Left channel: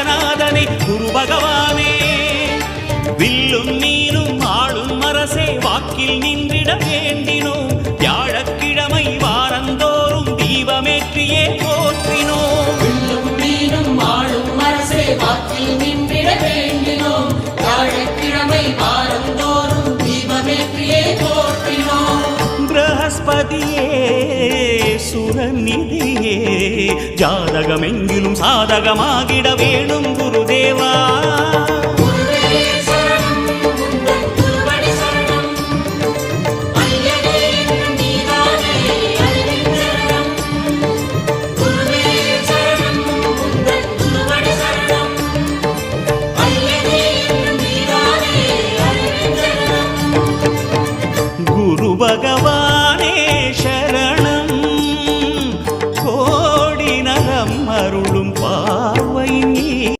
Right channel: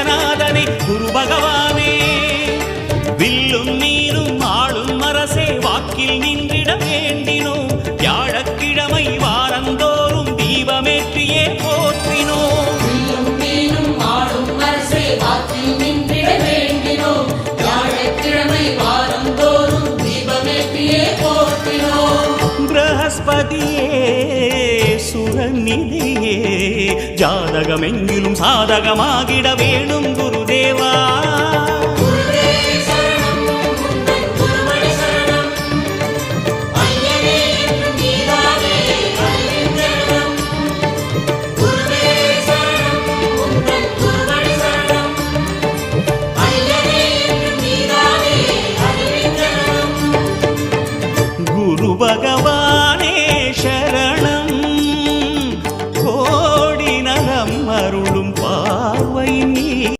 ஜகநாதனே குரு பகவானே. வில்லும் மீனும் ஆளும் அரசே வாக்கில் நின்றிட வேண்டினோம். வியாழக்கிழமை வாரந்தோறும் தீபமேற்றியே போற்றினோம். பிரகஸ்பதியே சுரநிதியே. ஜாதகம் எங்கிலும் சாதகமாகிட வேணும் குருதேவா. குரு பகவான். தம்மருளும் பார்வை நீ.